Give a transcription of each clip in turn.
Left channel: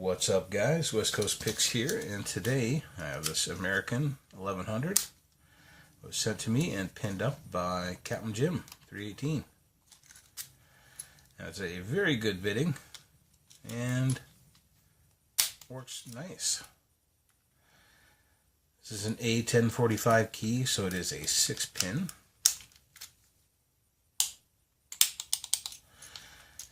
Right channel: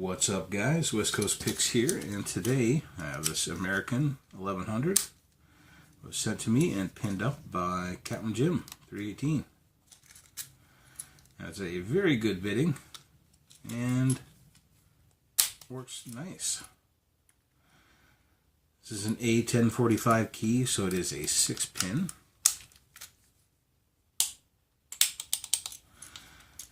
What's up, guys? West Coast Picks here, and today I have this American 1100. It was sent to me and pinned up by CaptainJim318. That's a very good bidding and works nice. This is an A1045 key, so it is a 6-pin.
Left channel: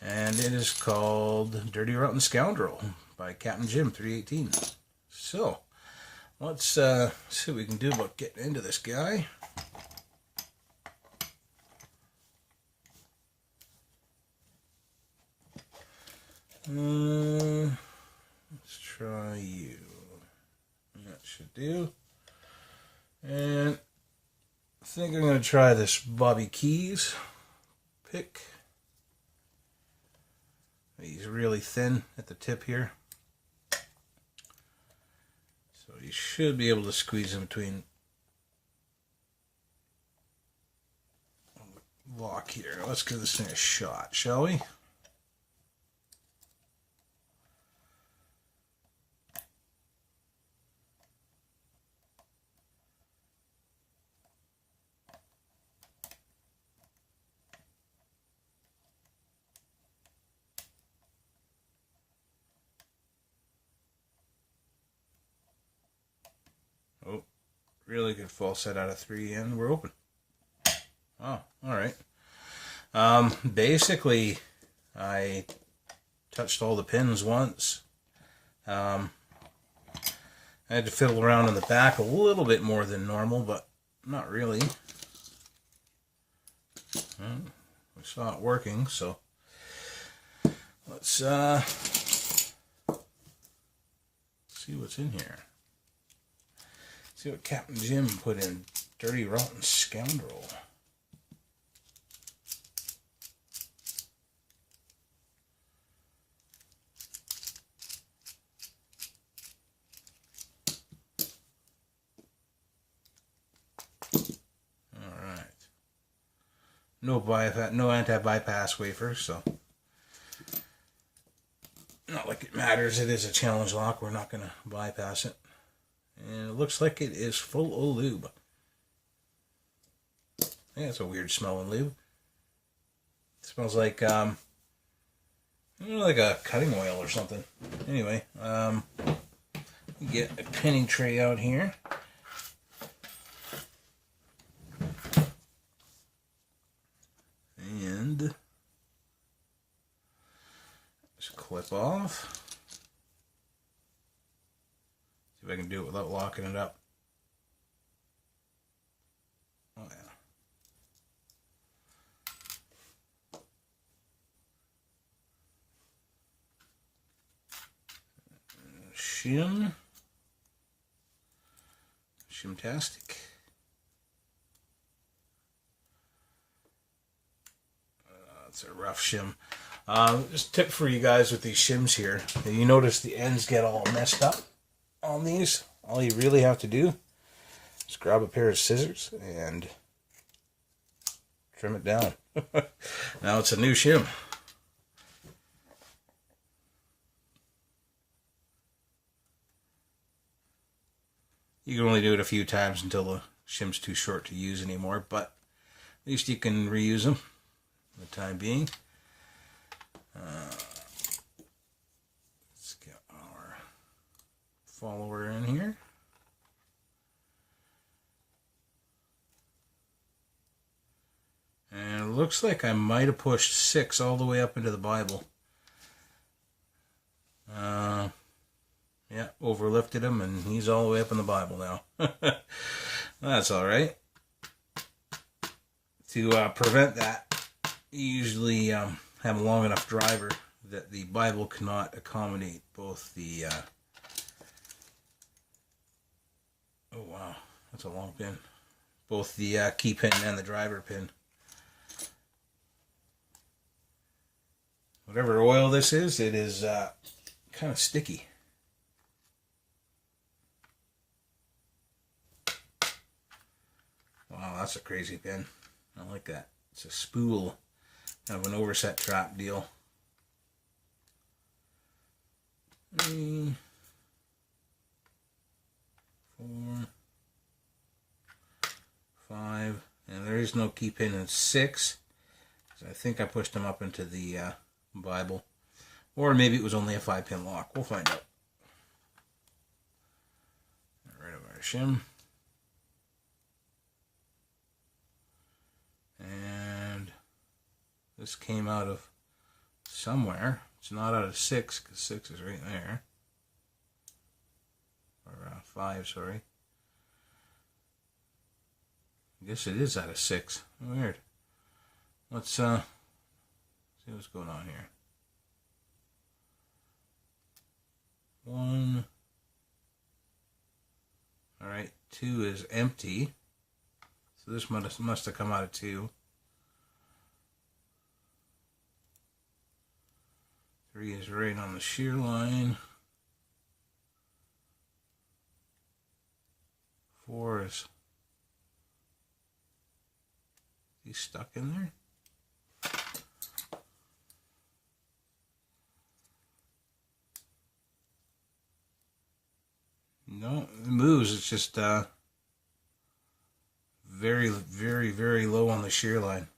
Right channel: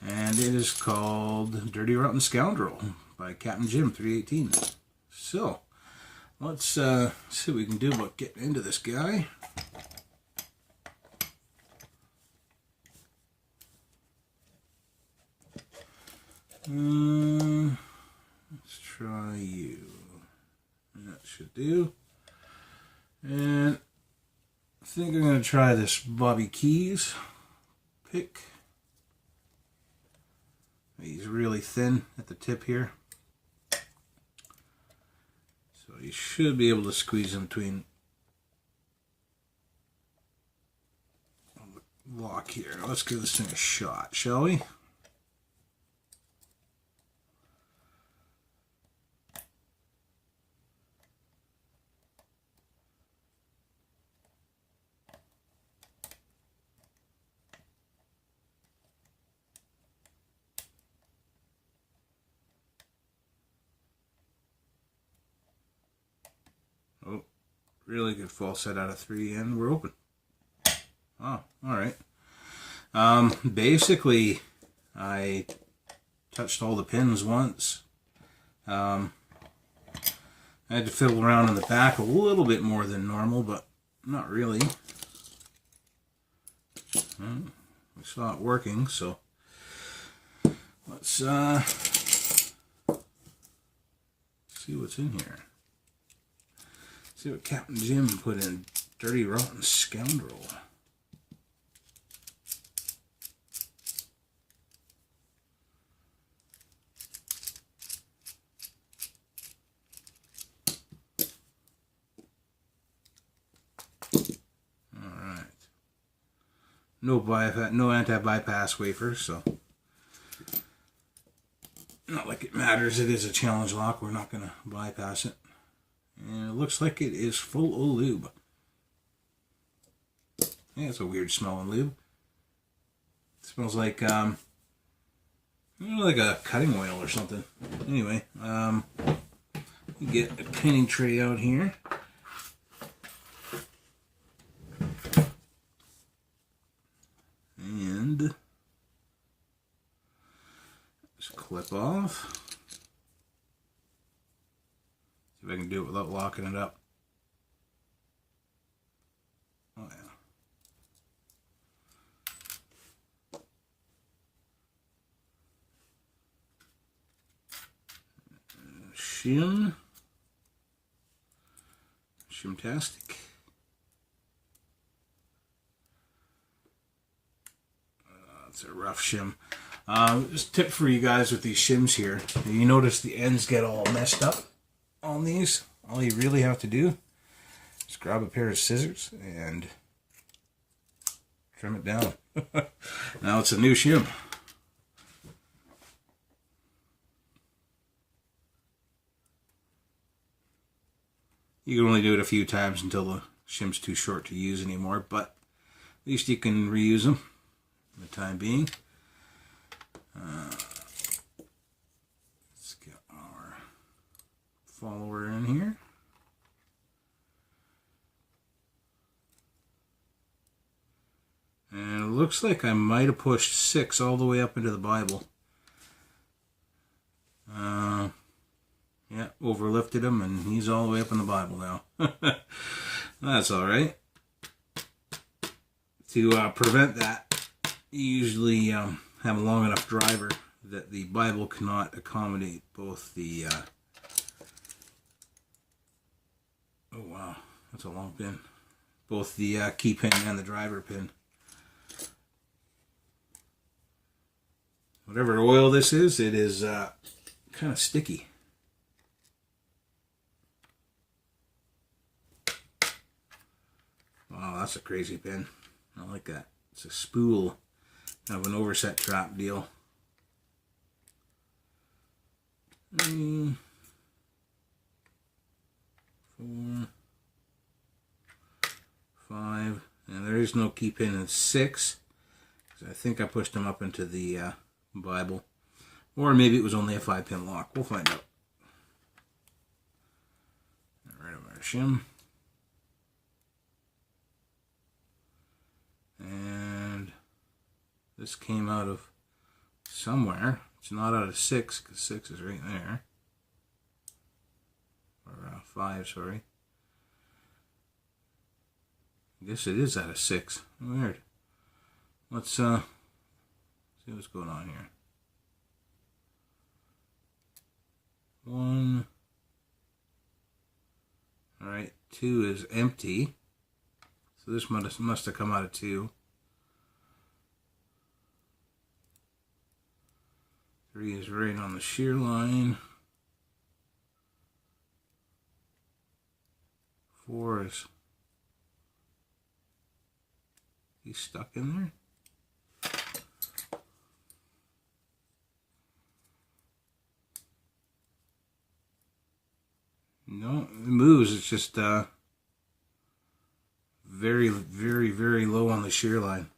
And it is called Dirty Rotten Scoundrel by CaptainJim318. So, let's see what we can do about getting into this guy. Let's try you. That should do. And I think I'm going to try this Bobby Keys pick. He's really thin at the tip here, so you should be able to squeeze in between the lock here. Let's give this thing a shot, shall we? Oh, really good false set out of 3, and we're open. Oh, alright. Basically, I touched all the pins once. I had to fiddle around in the back a little bit more than normal, but not really. And we saw it working, so let's see what's in here. See what Captain Jim put in Dirty Rotten Scoundrel. Alright. No anti-bypass wafers, so not like it matters. It is a challenge lock. We're not going to bypass it. And it looks like it is full of lube. Yeah, it's a weird smelling lube. It smells like, like a cutting oil or something. Anyway, we get a pinning tray out here. And just clip off. See if I can do it without locking it up. Oh yeah. Shimtastic. That's a rough shim. Just a tip for you guys with these shims here. You notice the ends get all messed up on these. All you really have to do is grab a pair of scissors and trim it down. Now it's a new shim. You can only do it a few times until the shim's too short to use anymore, but at least you can reuse them for the time being. Let's get our follower in here. And it looks like I might have pushed 6 all the way up into the Bible. Yeah, overlifted him, and he's all the way up in the Bible now. That's alright. To prevent that, you usually have a long enough driver that the Bible cannot accommodate both the... oh wow, that's a long pin. Both the key pin and the driver pin. Whatever oil this is, it is kind of sticky. Wow, that's a crazy pin. I like that. It's a spool, kind of an overset trap deal. 3, 4, 5, and there is no key pin in 6. I think I pushed them up into the Bible. Or maybe it was only a 5-pin lock. We'll find out. Get rid of our shim. And this came out of somewhere. It's not out of 6, because 6 is right there. Or 5, sorry. I guess it is out of 6. Weird. Let's see what's going on here. 1. Alright, 2 is empty. So this must have come out of 2. 3 is right on the shear line. 4 is... He's stuck in there? No, it moves. It's just very, very, very low on the shear line.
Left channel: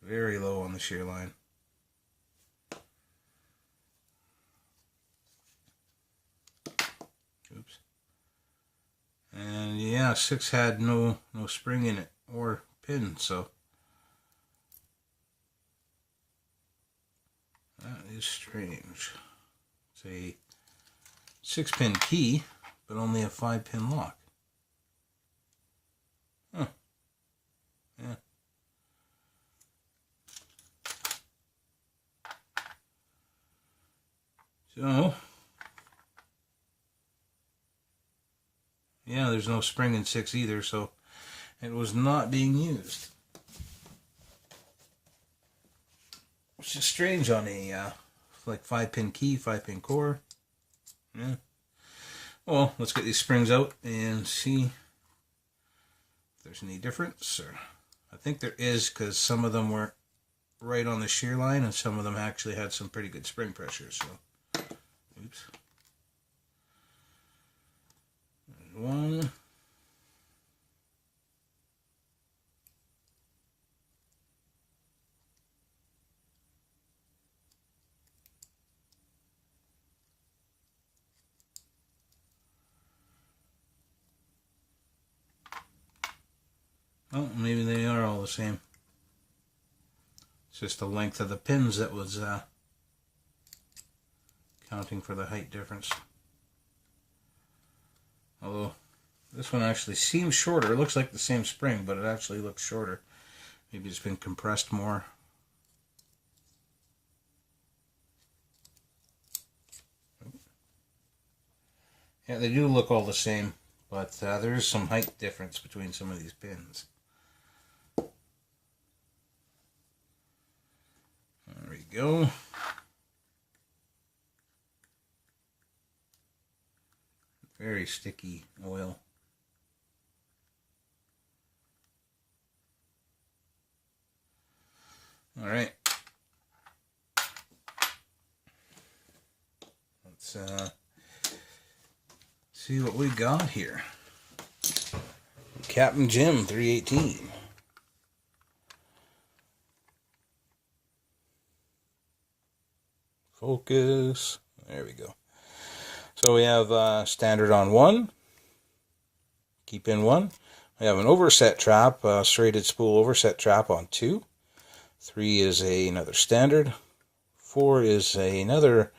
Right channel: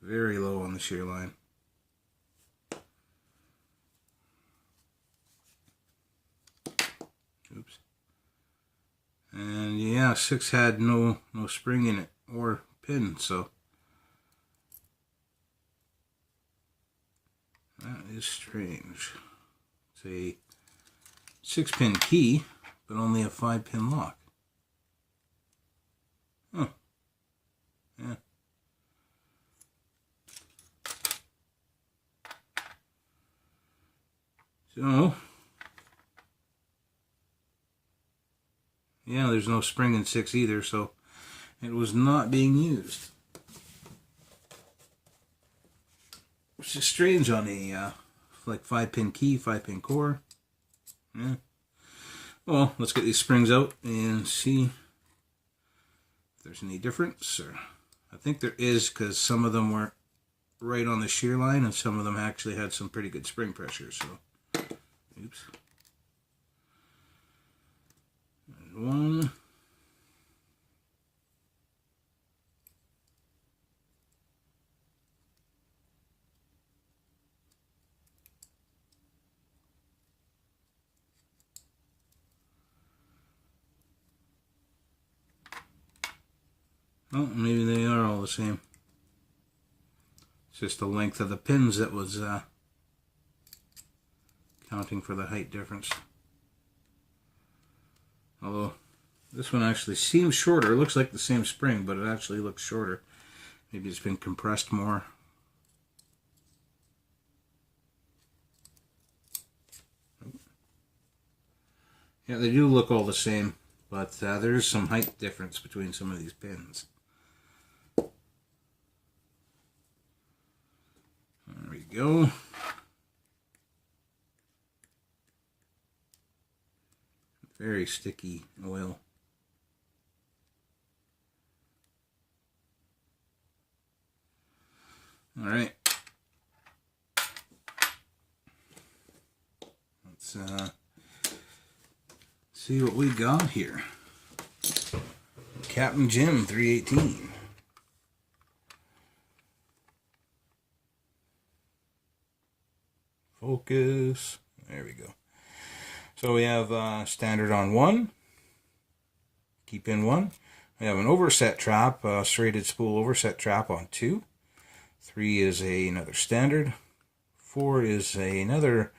Very low on the shear line. Oops. And yeah, 6 had no spring in it or pin, so that is strange. It's a 6-pin key, but only a 5-pin lock. Huh. Yeah. So, yeah, there's no spring in 6 either, so it was not being used. Which is strange on a like 5-pin key, 5-pin core. Yeah. Well, let's get these springs out and see if there's any difference. Or I think there is, because some of them were right on the shear line and some of them actually had some pretty good spring pressure. So, oops. And 1. Oh, maybe they are all the same. It's just the length of the pins that was counting for the height difference. Although this one actually seems shorter. It looks like the same spring, but it actually looks shorter. Maybe it's been compressed more. Yeah, they do look all the same, but there is some height difference between some of these pins. There we go. Very sticky oil. All right. Let's see what we got here. CaptainJim318. Focus. There we go. So we have standard on 1. Keep in 1. We have an overset trap, serrated spool overset trap on 2. 3 is another standard. 4 is another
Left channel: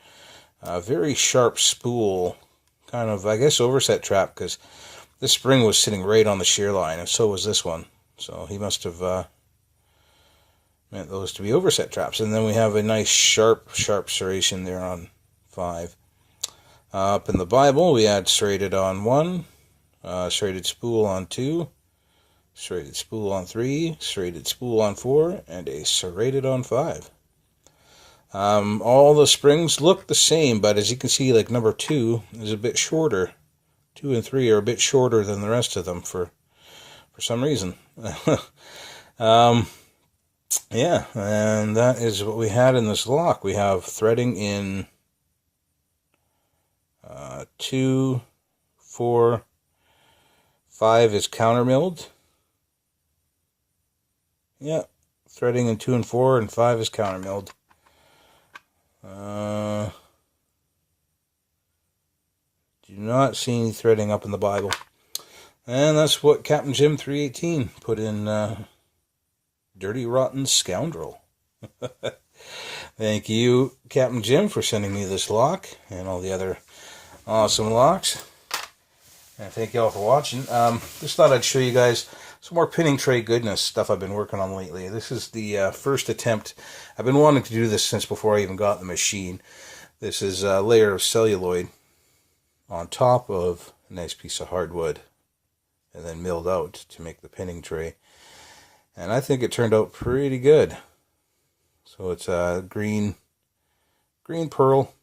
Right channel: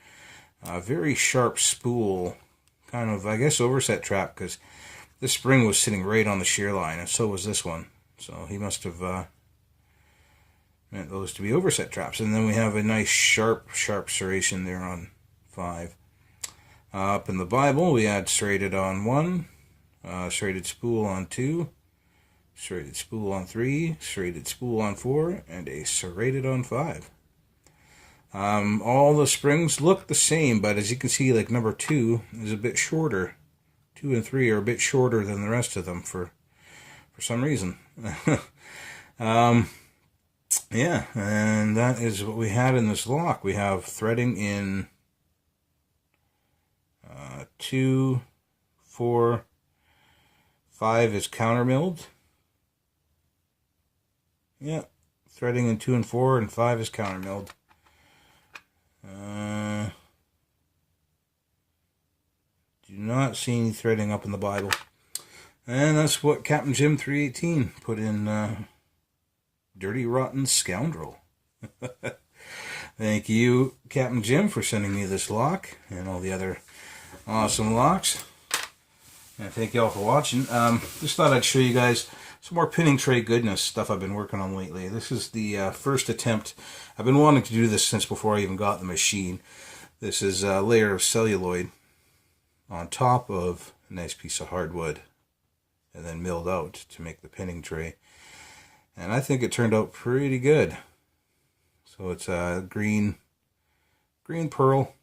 very sharp spool, kind of, I guess, overset trap, because this spring was sitting right on the shear line, and so was this one. So he must have meant those to be overset traps. And then we have a nice sharp serration there on 5. Up in the Bible, we had serrated on 1, serrated spool on 2, serrated spool on 3, serrated spool on 4, and a serrated on 5. All the springs look the same, but as you can see, like number 2 is a bit shorter. 2 and 3 are a bit shorter than the rest of them for some reason. Yeah, and that is what we had in this lock. We have threading in 2, 4, 5 is counter milled. Yeah, threading in 2 and 4, and 5 is counter milled. Do not see any threading up in the Bible. And that's what CaptainJim318 put in Dirty Rotten Scoundrel. Thank you, Captain Jim, for sending me this lock and all the other awesome locks. And thank you all for watching. Just thought I'd show you guys some more pinning tray goodness stuff I've been working on lately. This is the first attempt. I've been wanting to do this since before I even got the machine. This is a layer of celluloid on top of a nice piece of hardwood and then milled out to make the pinning tray. And I think it turned out pretty good. So it's a green pearl.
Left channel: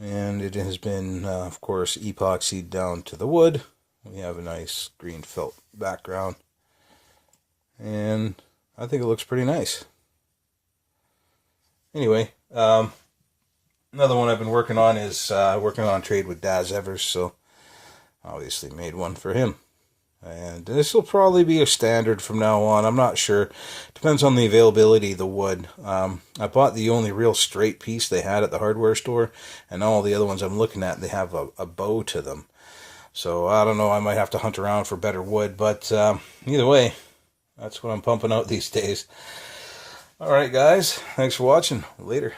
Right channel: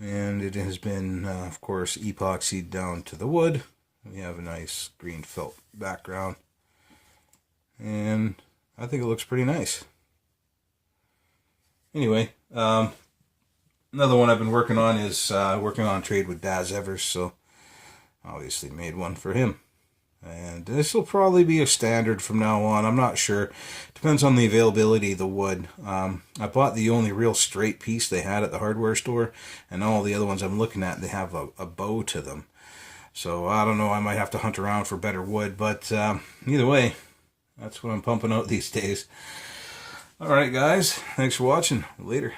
And it has been, of course, epoxied down to the wood. We have a nice green felt background. And I think it looks pretty nice. Anyway, another one I've been working on is working on trade with Daz Evers. So obviously made one for him. And this will probably be a standard from now on. I'm not sure. Depends on the availability of the wood. I bought the only real straight piece they had at the hardware store. And all the other ones I'm looking at, they have a bow to them. So I don't know. I might have to hunt around for better wood. But either way, that's what I'm pumping out these days. Alright guys. Thanks for watching. Later.